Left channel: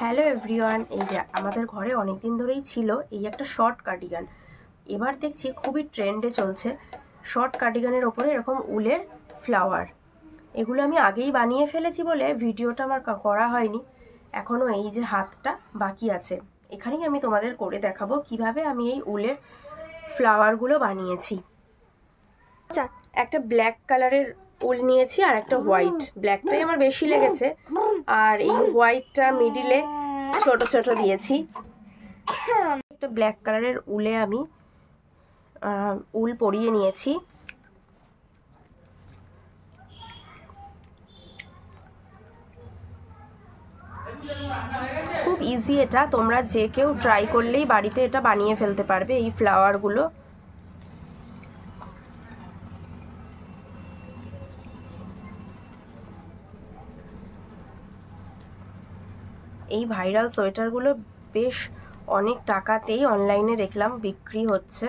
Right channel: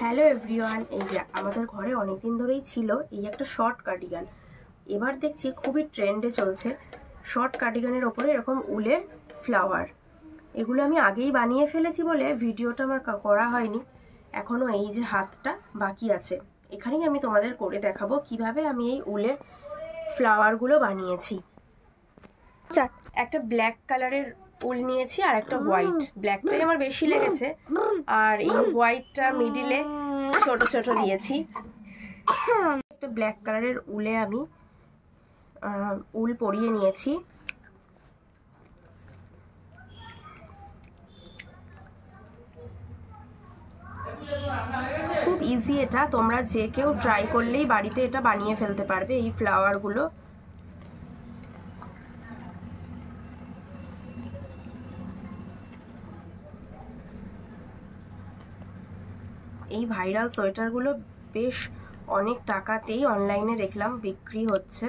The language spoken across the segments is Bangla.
হ্যালো এভরিওয়ান, এই যে আমাদের ঘরে অনেকদিন ধরেই ছিল এই একটা শর্ট কার্ডিগান। এবার দেখছি খুবই ট্রেন্ডে চলছে শর্ট কার্ডিগানের ওপরে এরকম উলের ফ্লাওয়ার। এগুলো আমি আগেই বানিয়ে ফেলেছি বলে ভিডিওটা আমার করা হয়নি, এখনও এই যে হাতটা বাকি আছে। এখানেই আমি তোমাদের করে দেখাবো কিভাবে আমি এই উলের ফ্লাওয়ারগুলো বানিয়েছি। একটা ব্ল্যাক কালারের উল নিয়েছি আর একটা হোয়াইট। ব্ল্যাকটাই আমার বেশি লেগেছে, আর এই হোয়াইটটা মিডিলে ছোট ছোট দিয়েছি। একটা ব্ল্যাক কালারের উলে আমি উল পরিয়ে নিয়েছি। খুব ইজি এটা, তোমরা যে কেউ ট্রাই করলেই বাড়িতে এটা বানিয়ে ফেলতে পারবে এই ফ্লাওয়ারগুলো। এই ভাইরাল সোয়েটারগুলো বেশ অনেক টাকাতেই অনলাইনে দেখলাম বিক্রি হচ্ছে,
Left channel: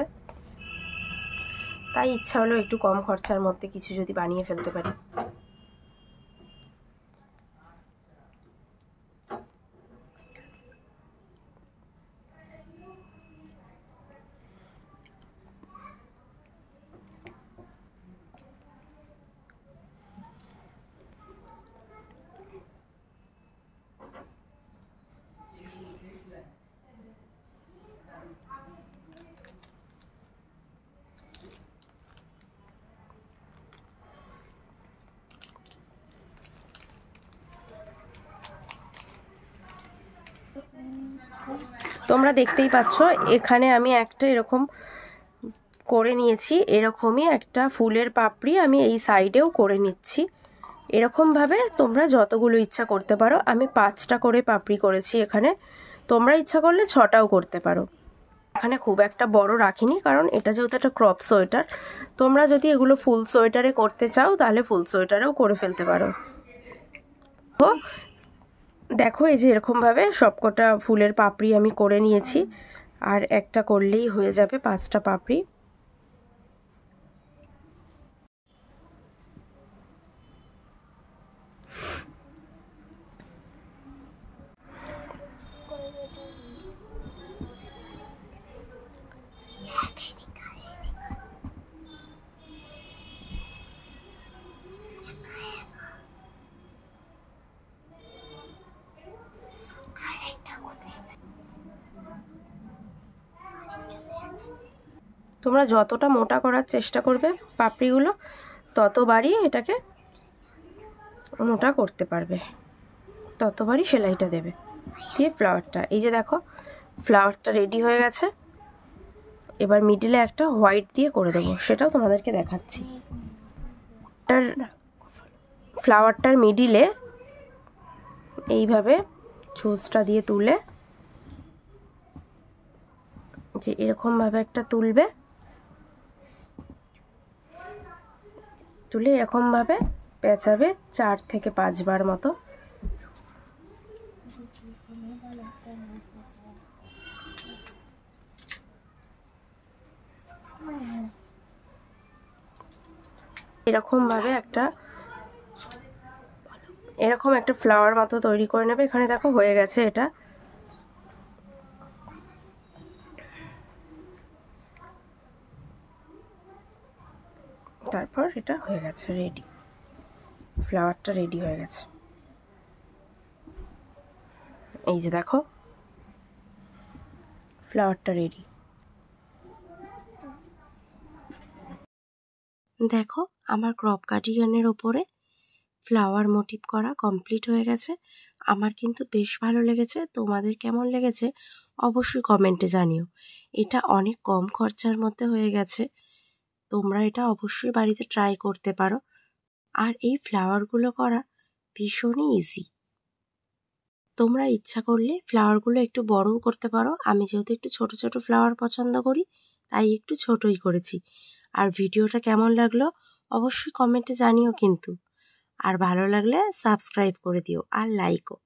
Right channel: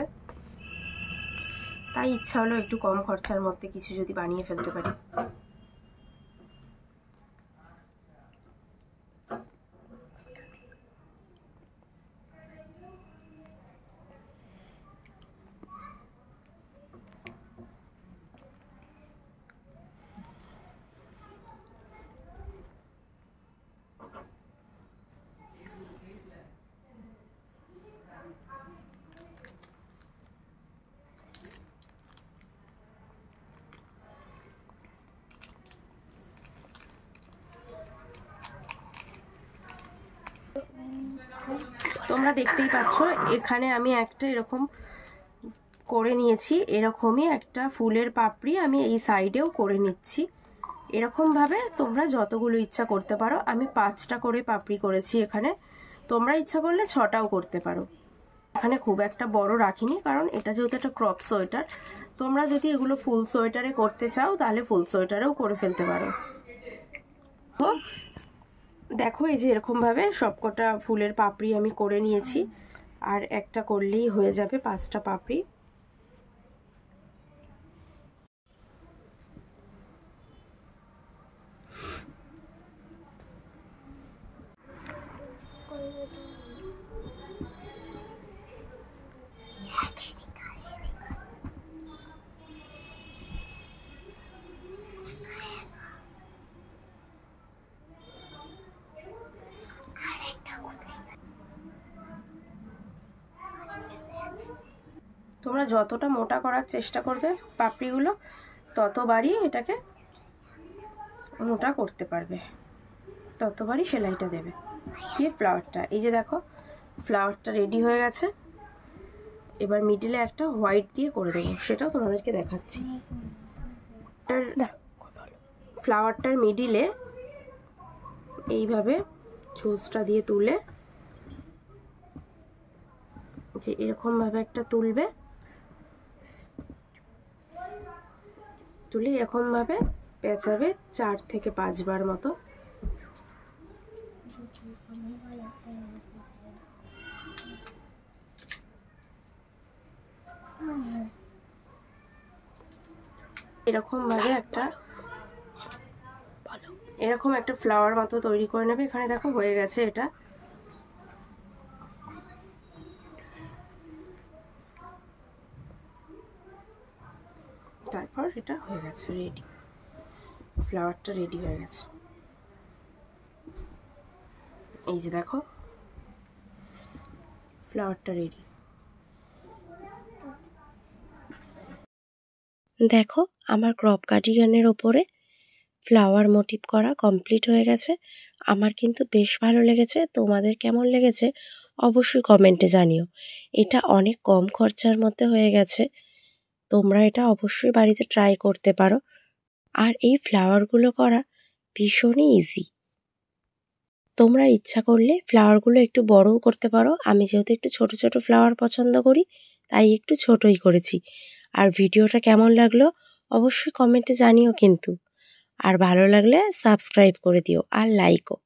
তাই ইচ্ছা হলো একটু কম খরচার মধ্যে কিছু যদি বানিয়ে ফেলতে পারি। তোমরা দেখতেই পাচ্ছ এখানে আমি একটা এরকম করে নিয়েছি, এরকমই একটা ফুলের পাপড়ি আমি এই সাইডেও করে নিচ্ছি। এরকমভাবে তোমরা যতগুলো ইচ্ছা করতে পারো। আমি 5টা করে পাপড়ি করেছি এখানে, তোমরা ইচ্ছা করলে 6টাও করতে পারো। এখানে খুব একটা বড় রাখিনি, কারণ এটা যেহেতু একটা ক্রপ সোয়েটার। তোমরা যদি এগুলো ফুল সোয়েটারে করতে চাও তাহলে ফুল সোয়েটারেও করে ফেলতে পারো। তো দেখো এই যে এরকমভাবে সবকটা ফুলের পাপড়ি আমি করে নিয়েছি, আর একটা করলেই হয়ে যাবে 5টা পাপড়ি। তোমরা যতটা মোটা করার চেষ্টা করবে পাপড়িগুলো, ততবারই এটাকে মোটা করতে পারবে, ততবারই সেলাইটা দেবে। দিয়ে ফ্লাওয়ারটা, এই যে দেখো ফ্লাওয়ারটা রেডি হয়ে গেছে। এবার মিডিলে একটা হোয়াইট দিয়ে করে দেবো, সেটাও তোমাদেরকে দেখাচ্ছি। ফ্লাওয়ারটার মিডিলে এইভাবে ছুঁচটা দিয়ে তুলে, যে এরকমভাবে একটা তুলবে, তুলে এরকমভাবে পেঁচাবে 4 থেকে 5 বার মতো। এরকম একটা ফ্লাওয়ার মতো তৈরি করে নেবে। এখানে দেখো হয়ে গেছে এটা। তারপর এটা হয়ে গেছে রেডি, ফ্লাওয়ারটা রেডি হয়ে গেছে। এই যে দেখো ফ্লাওয়ারটা রেডি। দেখো আমার ক্রপ কার্ডিগানের ওপরে ফ্লাওয়ার মোটিভ করা কমপ্লিট হয়ে গেছে। আমার কিন্তু বেশ ভালো লেগেছে। তোমাদের কেমন লেগেছে অবশ্যই কমেন্টে জানিও। এটা অনেক কম খরচার মধ্যে হয়ে গেছে, তোমরা এটা অবশ্যই বাড়িতে ট্রাই করতে পারো। আর এই ফ্লাওয়ারগুলো করা ভীষণই ইজি। তোমরা ইচ্ছা করলে ফ্লাওয়ারগুলো একটু বড়ও করতে পারো। আমি যেহেতু একটু ছোট ছোট ফ্লাওয়ার পছন্দ করি, তাই একটু ছোটই করেছি। আর ভিডিওটা কেমন লাগলো অবশ্যই কমেন্টে জানিও কিন্তু। আর ভালো লাগলে সাবস্ক্রাইব করে দিও আর লাইকও।